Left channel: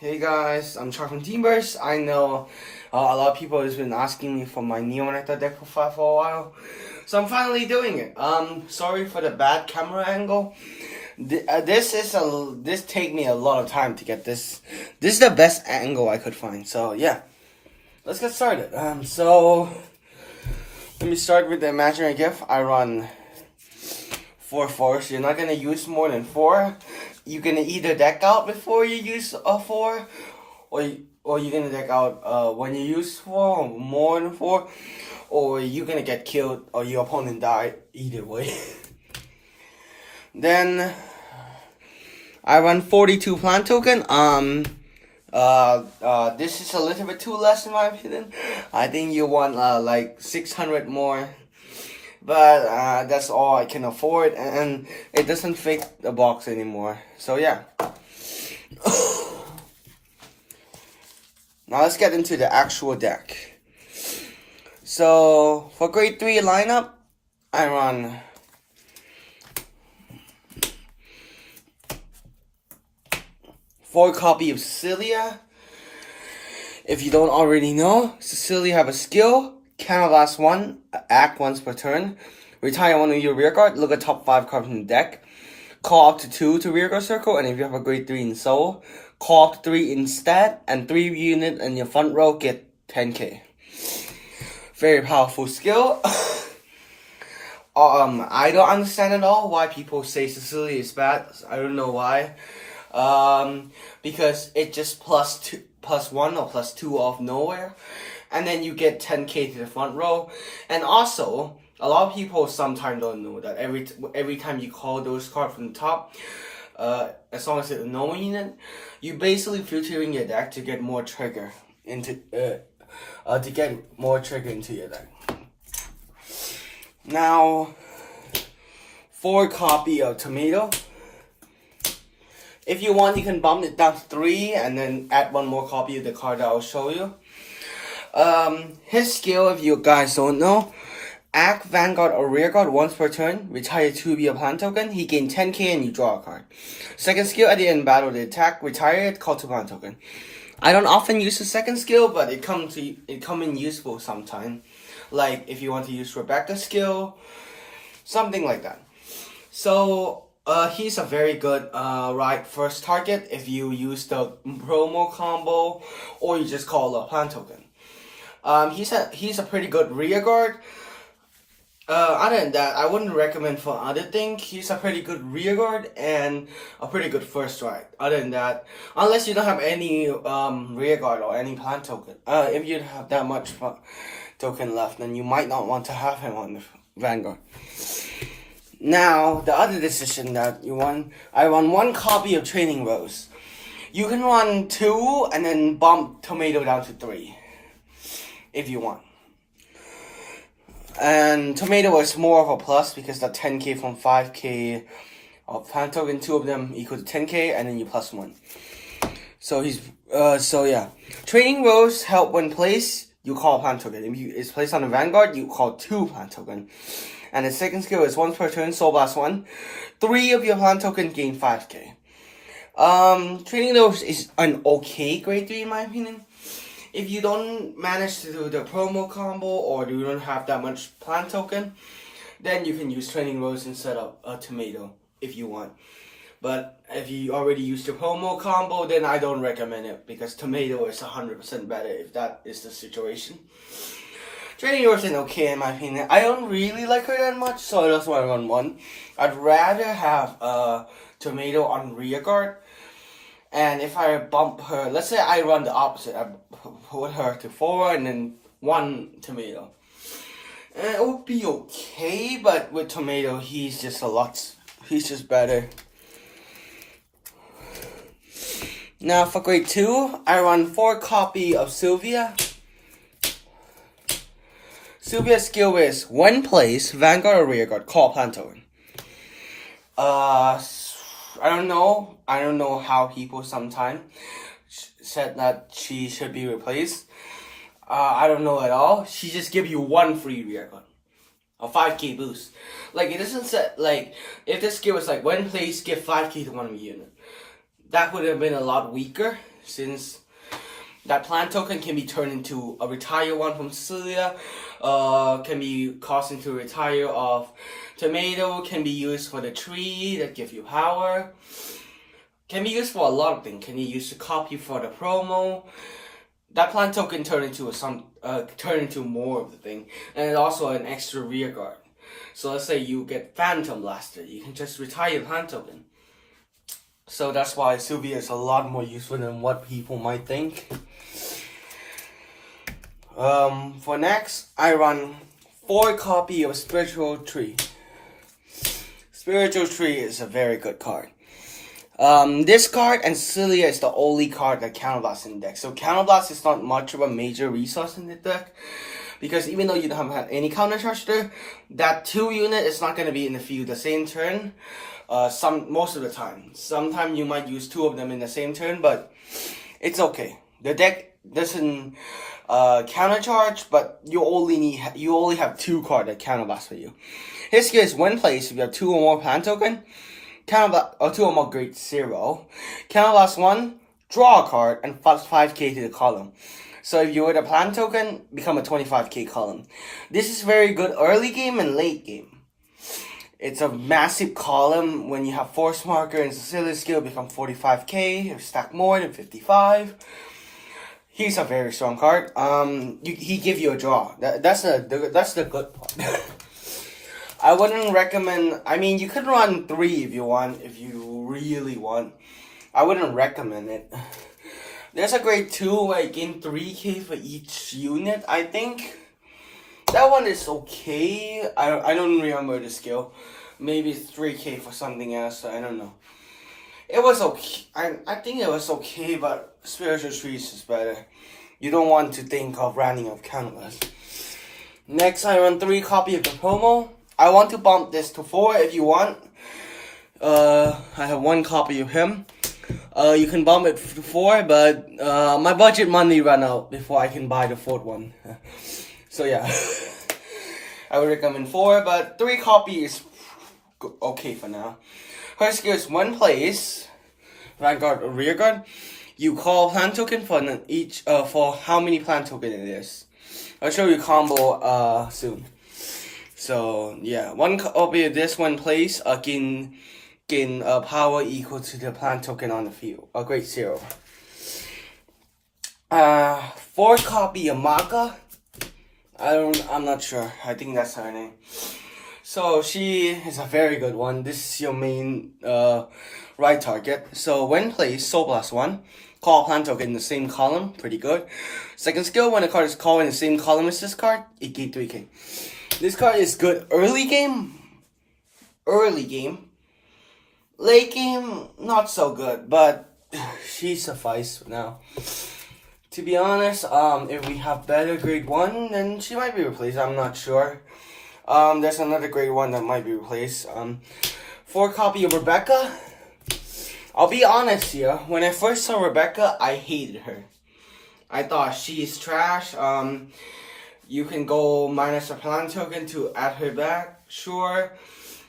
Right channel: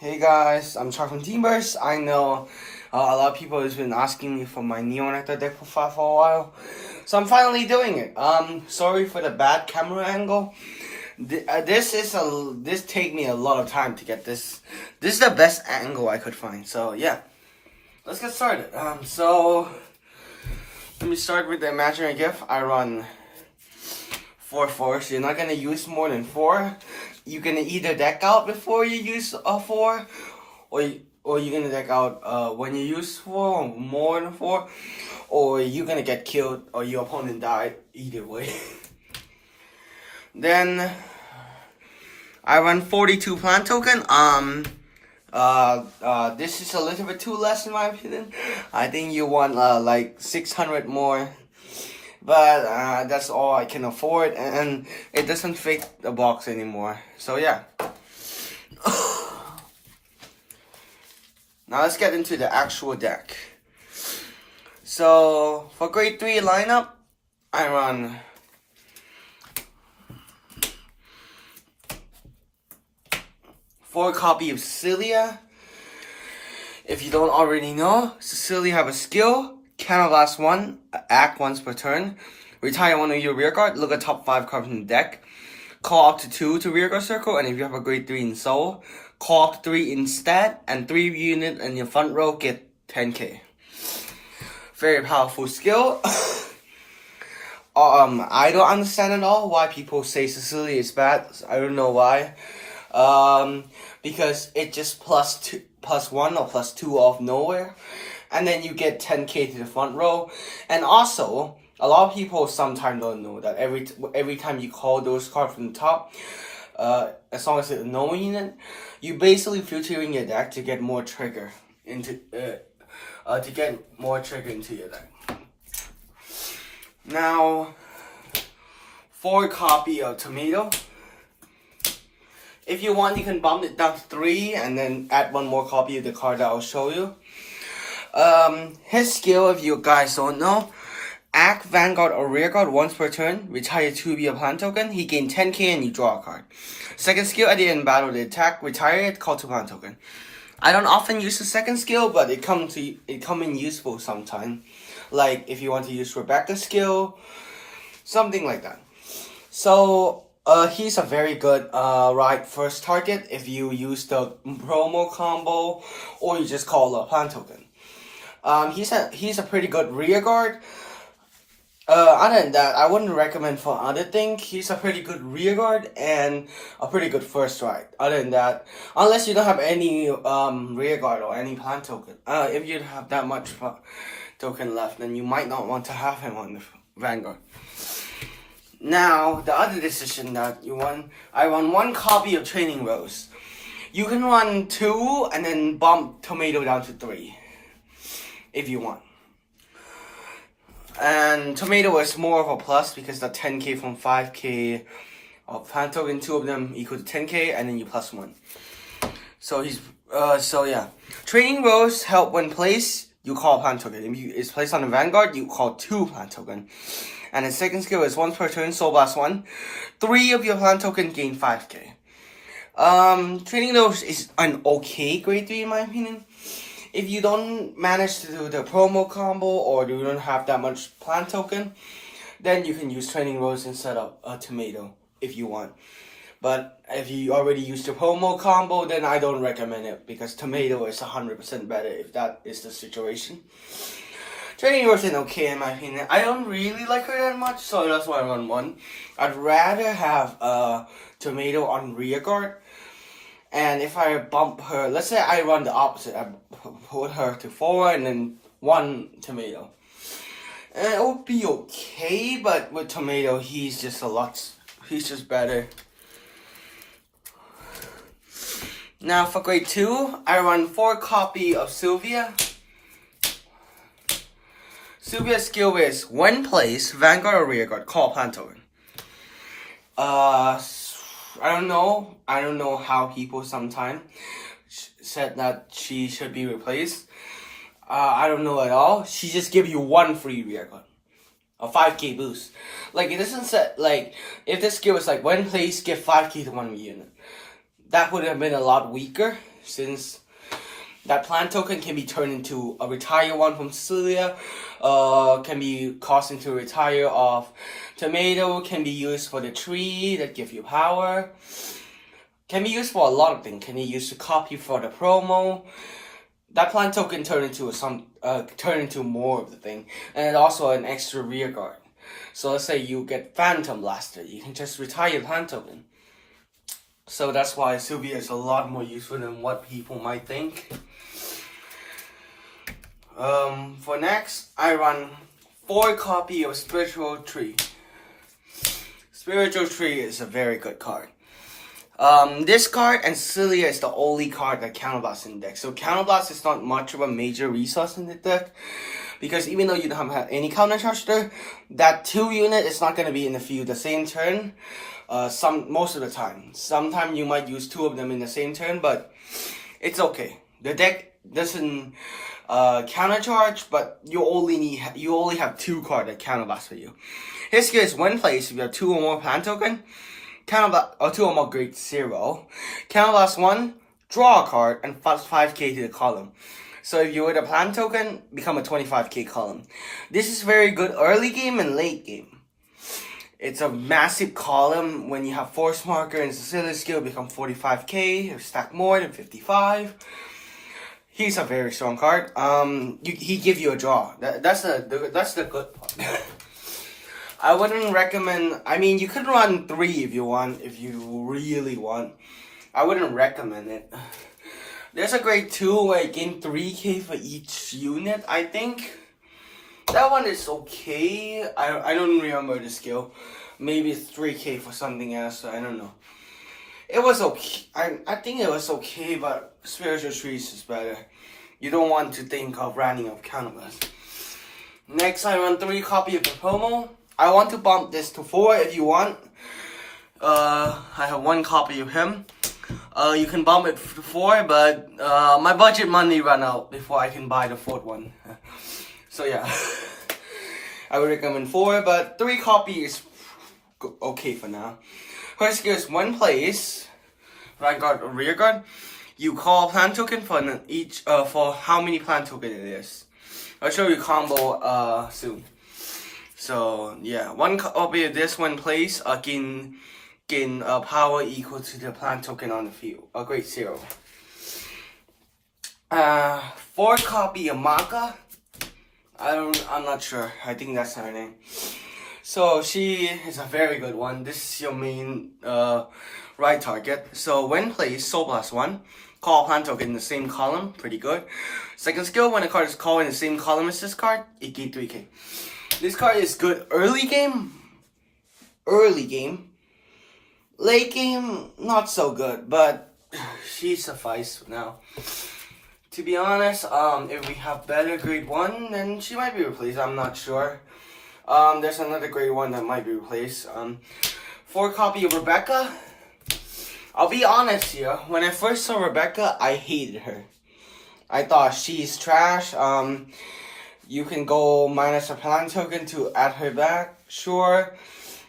Hey guys, I'm Chuck from Teamverse. I know a lot of people has been asking me for my Neo Nectar deck profile for a while, so I'm finally doing it. Sorry for the bad camera angle. This take me a lot of time to get this. This is the best angle I could find. So yeah, let's get started. So let me start with the imaginary gift. I run 4 so you're not gonna use more than 4. You're gonna either deck out before you use 4, or you're gonna deck out when you use 4 or more than 4, or you're gonna get killed or your opponent die. Either way. Then I run 42 plant token. This is a little bit too less in my opinion. I think you want like 600 more. But that's all I can afford, and it doesn't fit the box anymore. So yeah. Now let's get into the actual deck. So for grade 3 lineup, I run four copy of Cecilia. If you don't already know, Cecilia have a skill. Counterblast 1, act once per turn. Retire one of your rear guard, look at top 5 cards from the deck. Call up to 2 to rear guard circle, and if you have a grade 3 in soul, call up to 3 instead, and 3 unit in your front row get 10k. Very powerful skill. I don't understand at all why people say Cecilia is bad. I don't know why. Because it just plus 1 or plus 2 off nowhere. And then you get 10k to the front row. And also, a lot of people sometimes don't know that every time you call those cards from the top, as long as it's a normal unit, you basically filtering your deck to get more trigger into your deck. Now, 4 copy of Tomato. If you want, you can bump it down to 3 and then add 1 more copy of the card that I'll show you. His skill, if you guys don't know, act Vanguard or rear guard once per turn, retire 2 via plant token, he gain 10k and you draw a card. Second skill, at the end of battle, they attack, retire it, call 2 plant token. I don't often use the second skill, but it come in useful sometime. Like if you want to use Rebecca's skill, something like that. So he's a very good right first target if you use the promo combo or you just call a plant token. He's a pretty good rear guard. Other than that, I wouldn't recommend for other things. He's a pretty good rear guard and a pretty good first right. Other than that, unless you don't have any rear guard or any plant token. If you have that much token left, then you might not want to have him on the Vanguard. Now, the other decision that you want, I run 1 copy of Training Rose. You can run 2 and then bump Tomato down to 3. If you want. And Tomato is more of a plus because the 10k from 5k of plant token, 2 of them equal to 10k, and then you plus 1. So he's so yeah. Training Rose help when placed, you call plant token. If it's placed on the Vanguard, you call 2 plant token. And the second skill is once per turn, Soul Blast 1. 3 of your plant token gain 5k. Training Rose is an okay grade 3 in my opinion. If you don't manage to do the promo combo or you don't have that much plant token, then you can use Training Rose instead of a Tomato if you want. But if you already use the promo combo, then I don't recommend it because Tomato is 100% better if that is the situation. Training Rose is okay in my opinion. I don't really like her that much, so that's why I run 1. I'd rather have a Tomato on rear guard. And if I bump her, let's say I run the opposite, I put her to forward and then 1 Tomato. And it would be okay, but with Tomato, he's just better. Now for grade 2, I run 4 copy of Sylvia. Sylvia's skill is, when placed, Vanguard or rear guard, call plant token. I don't know how people sometimes said that she should be replaced. I don't know at all. She just give you 1 free rear guard. A 5k boost. Like, it doesn't set, like, if this skill was like, when placed, give 5k to 1 unit. That would have been a lot weaker. since that plant token can be turned into a retire one from Cecilia, can be caused into a retire of tomato, can be used for the tree that give you power, can be used for a lot of things, can be used to copy for the promo. That plant token turn into more of the thing, and it's also an extra rear guard. So let's say you get Phantom Blaster, you can just retire the plant token. So that's why Sylvia is a lot more useful than what people might think. For next, I run 4 copies of Spiritual Tree. Spiritual Tree is a very good card. This card and Cecilia is the only card that Counterblast in the deck. So Counterblast is not much of a major resource in the deck, because even though you don't have any counter charge there, that 2 unit is not going to be in the field the same turn. Most of the time. Sometimes you might use 2 of them in the same turn, but it's okay. The deck doesn't counter charge, but you only have 2 cards that counterblast for you. His skill is when placed, if you have 2 or more plant token, counterblast or 2 or more grade 0. Counterblast 1, draw a card and 5k to the column. So if you were the plant token, become a 25k column. This is very good early game and late game. It's a massive column. When you have Force Marker and Cecilia's skill, become 45k or stack more than 55. He's a very strong card. He give you a draw. That's the good part. I wouldn't recommend. I mean, you could run 3 if you want, if you really want. I wouldn't recommend it. There's a grade 2 where you gain 3k for each unit, I think. That one is okay. I don't remember the skill. Maybe it's 3k for something else. I don't know. It was okay. I think it was okay, but Spiritual Trees is better. You don't want to think of running of Counterblast. Next, I run 3 copies of the promo. I want to bump this to 4 if you want. I have 1 copy of him. You can bump it to 4, but my budget money ran out before I can buy the 4th one. So yeah, I would recommend 4, but 3 copies is okay for now. Her skill is when placed, Vanguard or rear guard, you call plant token for each for how many plant token it is. I'll show you combo soon. So yeah, 1 copy of this when placed gain power equal to the plant token on the field. A grade 0. 4 copy of Maka. I'm not sure. I think that's her name. So she is a very good one. This is your main right target. So when placed, Soul Blast 1, call plant token in the same column. Pretty good. Second skill, when a card is called in the same column as this card, it gains 3k. This card is good early game. Late game, not so good, but she suffices for now. To be honest, if we have better grade 1, then she might be replaced. I'm not sure. There's another grade 1 that might be replaced. 4 copy of Rebecca. I'll be honest here. When I first saw Rebecca, I hated her. I thought she's trash. You can go minus a plant token to add her back. Sure.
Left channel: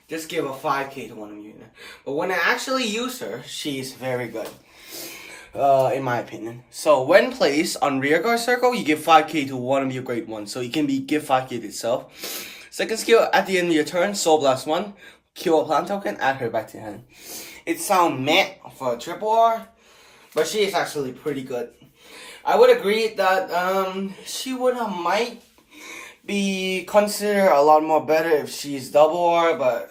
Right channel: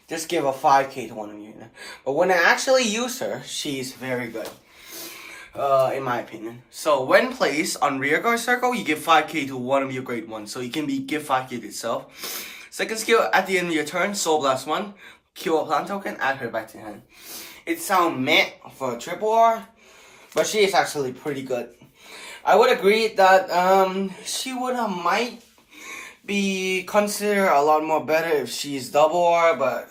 Just give a 5k to one of you. But when I actually use her, she's very good. In my opinion. So when placed on rear guard circle, you give 5k to one of your grade 1. So you can give 5k to itself. Second skill, at the end of your turn, Soul Blast 1, kill a plant token, add her back to hand. It sounds meh for a triple R, but she is actually pretty good. I would agree that she might be considered a lot more better if she's double R, but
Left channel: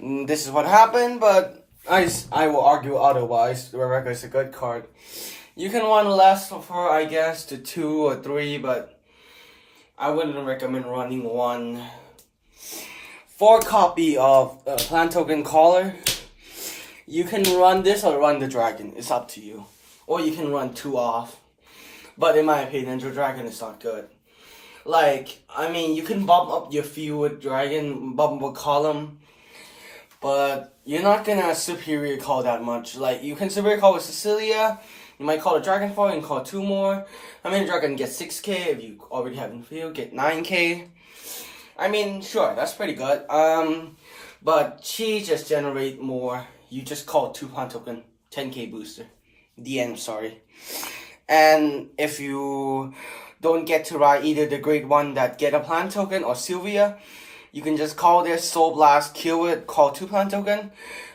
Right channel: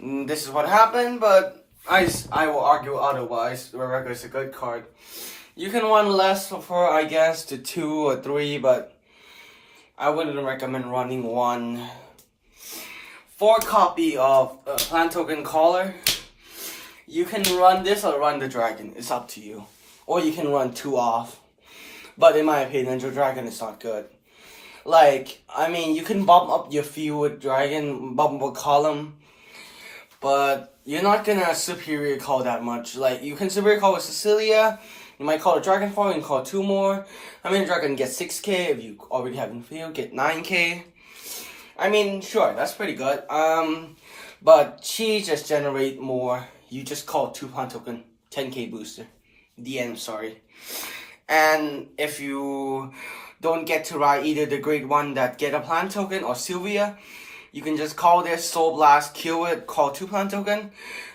this is what happened. But I will argue otherwise. Rebecca is a good card. You can run less for her, I guess, to 2 or 3, but I wouldn't recommend running 1. 4 copy of plant token caller. You can run this or run the dragon. It's up to you. Or you can run 2 off. But in my opinion, the dragon is not good. Like, I mean, you can bump up your field with dragon, bump up a column. But you're not gonna superior call that much. Like, you can superior call with Cecilia. You might call a dragon for it and call 2 more. I mean, dragon gets 6k. If you already have in field, get 9k. I mean, sure, that's pretty good. But she just generate more. You just call 2 plant token, 10k booster. The end, sorry. And if you don't get to ride either the grade 1 that get a plant token or Sylvia, you can just call this Soul Blast, kill it, call 2 plant token,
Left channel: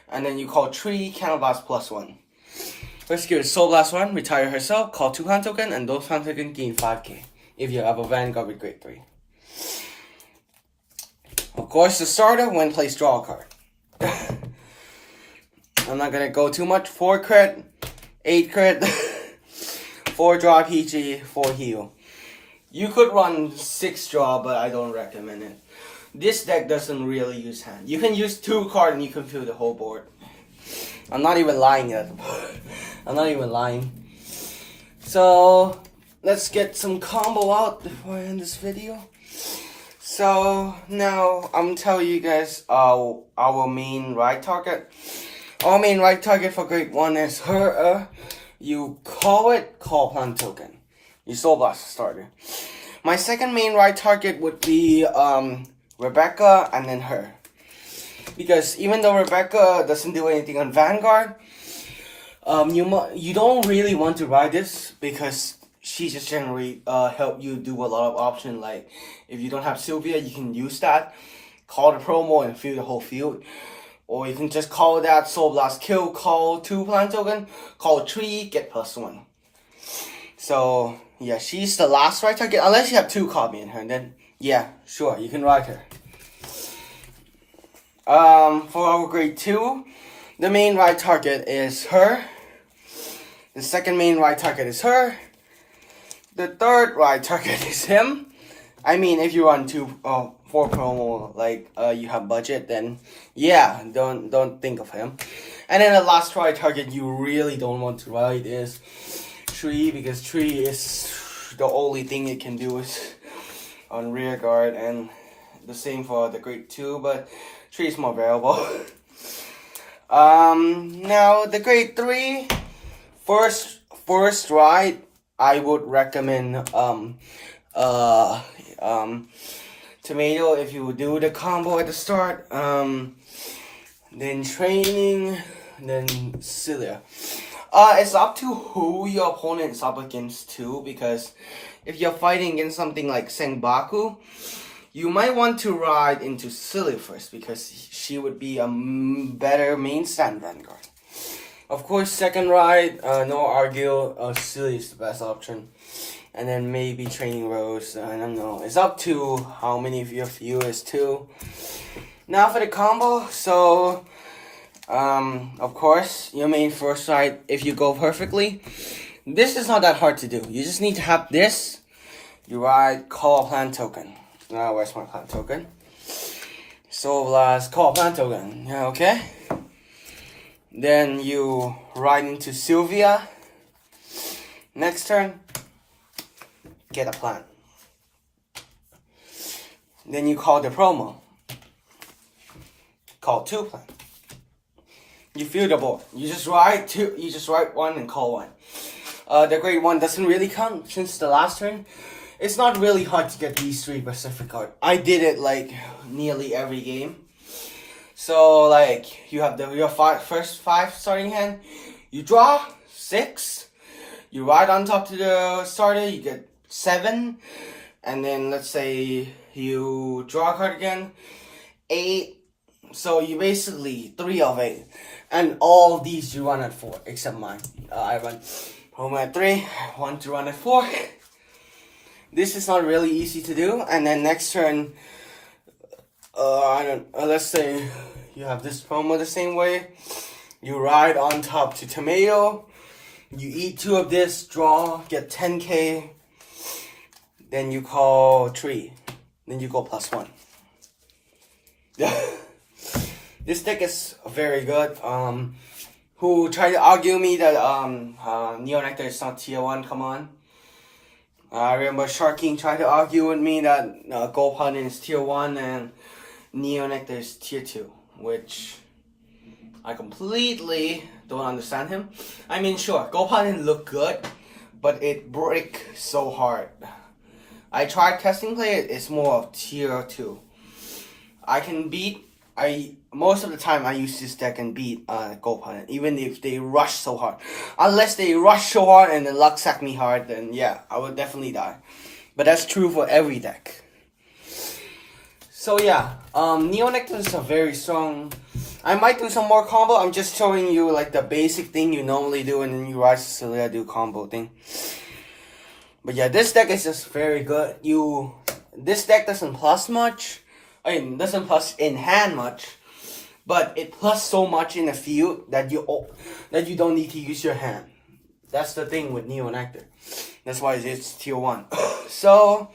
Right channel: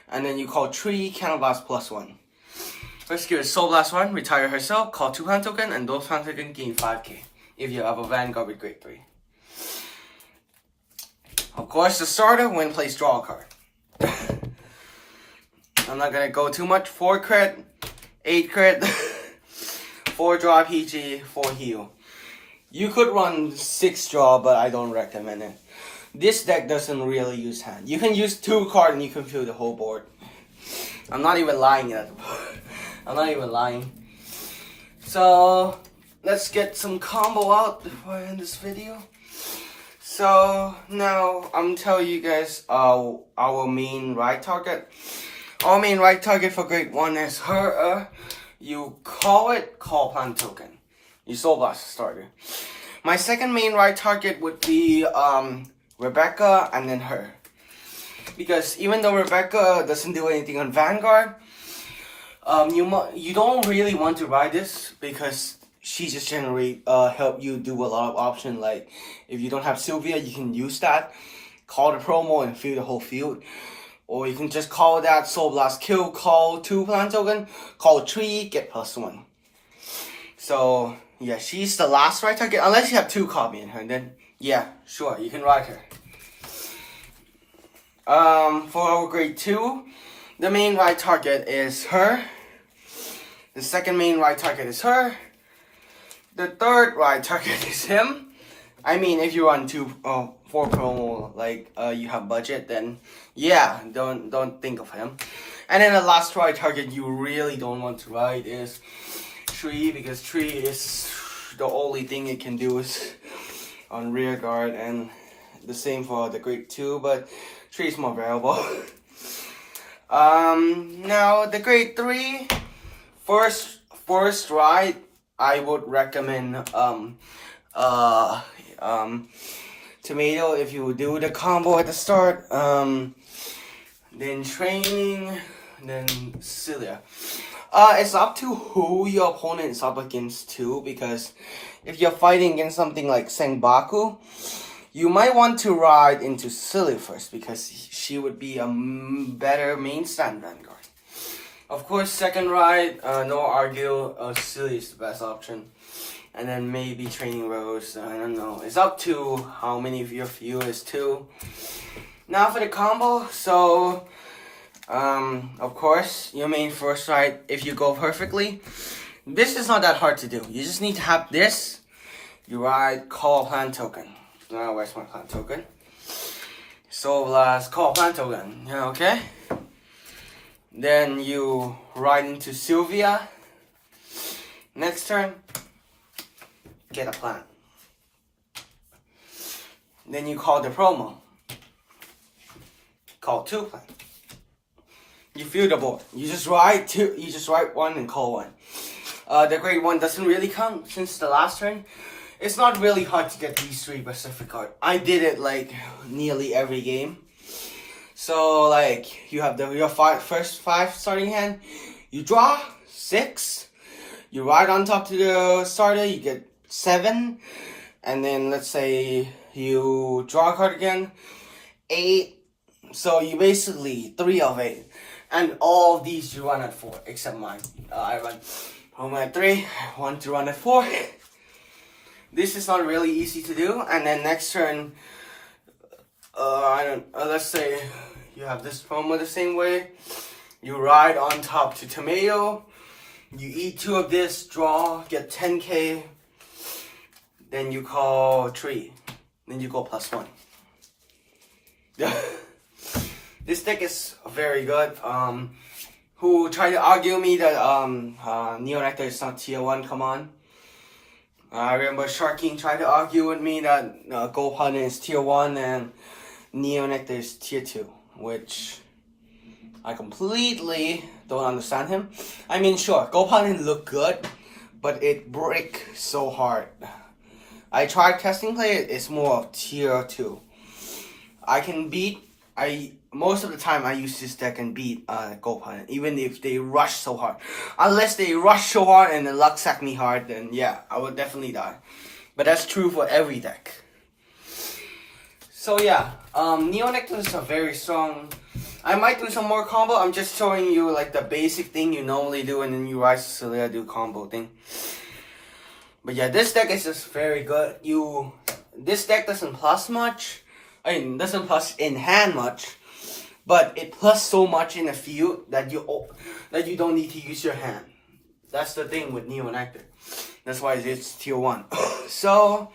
and then you call 3, Counter Blast +1. First skill is Soul Blast 1, retire herself, call 2 plant token, and those plant tokens gain 5k if you have a Vanguard with grade 3. Of course, the starter, when placed, draw a card. I'm not gonna go too much. 4 crit, 8 crit, 4 draw PG, 4 heal. You could run 6 draw, but I don't recommend it. This deck doesn't really use hand. You can use 2 cards and you can fill the whole board. I'm not even lying yet. I'm not even lying. So, let's get some combo out before I end this video. So, now I'm telling you guys our main ride target. Our main ride target for grade 1 is her. You call it, call plant token. You Soul Blast starter. My second main ride target would be Rebecca and then her. Because even though Rebecca doesn't do anything on Vanguard, you don't really want to ride this because she just generally help you do a lot of options. Like if you don't have Sylvia, you can use that, call the promo and fill the whole field. Or you can just call that Soul Blast kill, call 2 plant token, call 3, get +1. So yeah, she's the last ride target unless you have 2 copy in her. And then yeah, sure, you can ride her. For our grade 2, the main ride target is her. The second main ride target is her. The third ride target is him. I mean, if you run 4 promo, like you have budget, then yeah, don't think of him. And then the last ride target you really don't want to ride is 3, because 3 is the only thing it can do is on rear guard, and the same for the grade 2, but 3 is more variable. Now the grade 3, first ride, I would recommend Tomato if you would do the combo at the start, then training, then Celia. It's up to who your opponent is up against too, because if you're fighting against something like Senbaku, you might want to ride into Celia first, because she would be a better main stand Vanguard. Of course, second ride, no argue, Celia is the best option. And then maybe Training Rose, I don't know. It's up to how many of your viewers too. Now for the combo, so of course your main first ride, if you go perfectly, this is not that hard to do. You just need to have this. You ride, call plant token. Now where's my plant token? Soul Blast, call plant token. Yeah, okay. Then you ride into Sylvia. Next turn, get a plant. Then you call the promo. Call 2 plant. You fill the board. You just write 2. You just write 1 and call 1. The grade 1 doesn't really count since the last turn. It's not really hard to get these 3 Pacific cards. I did it like nearly every game. So like you have your first 5 starting hand. You draw 6. You ride on top to the starter. You get 7, and then let's say you draw a card again, 8, so you basically 3 of 8, and all of these you run at 4, except mine. I run home at 3, I want to run at 4. This is not really easy to do. And then next turn, let's say you have this promo the same way, you ride on top to Tomato, you eat 2 of this, draw, get 10k. Then you call 3. Then you go +1. Yeah. This deck is very good. Who tried to argue me that Neo Nectar is not tier 1, come on. I remember Shark King tried to argue with me that Gopan is tier 1 and Neo Nectar is tier 2. Which I completely don't understand him. I mean, sure, Gopan look good, but it break so hard. I tried testing play, it's more of tier 2. I can beat most of the time I use this deck and beat Gold Opponent, even if they rush so hard. Unless they rush so hard and then luck sack me hard, then yeah, I would definitely die. But that's true for every deck. So yeah, Neo Nectar is a very strong. I might do some more combo. I'm just showing you like the basic thing you normally do, and then you Rise to Celia do combo thing. But yeah, this deck is just very good. This deck doesn't plus much. I mean, doesn't plus in hand much, but it plus so much in the field that you don't need to use your hand. That's the thing with Neo Nectar. That's why it's tier 1. So,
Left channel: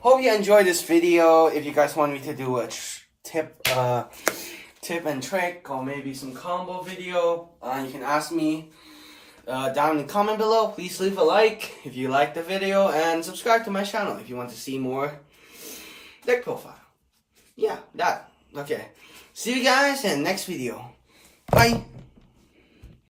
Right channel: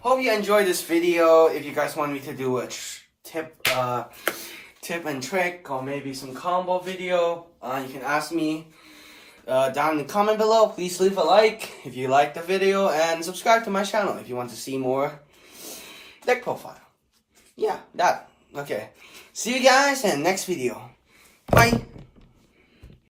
hope you enjoyed this video. If you guys want me to do a tip and trick or maybe some combo video, you can ask me down in the comment below. Please leave a like if you like the video and subscribe to my channel if you want to see more deck profile. Yeah, that. Okay. See you guys in the next video. Bye.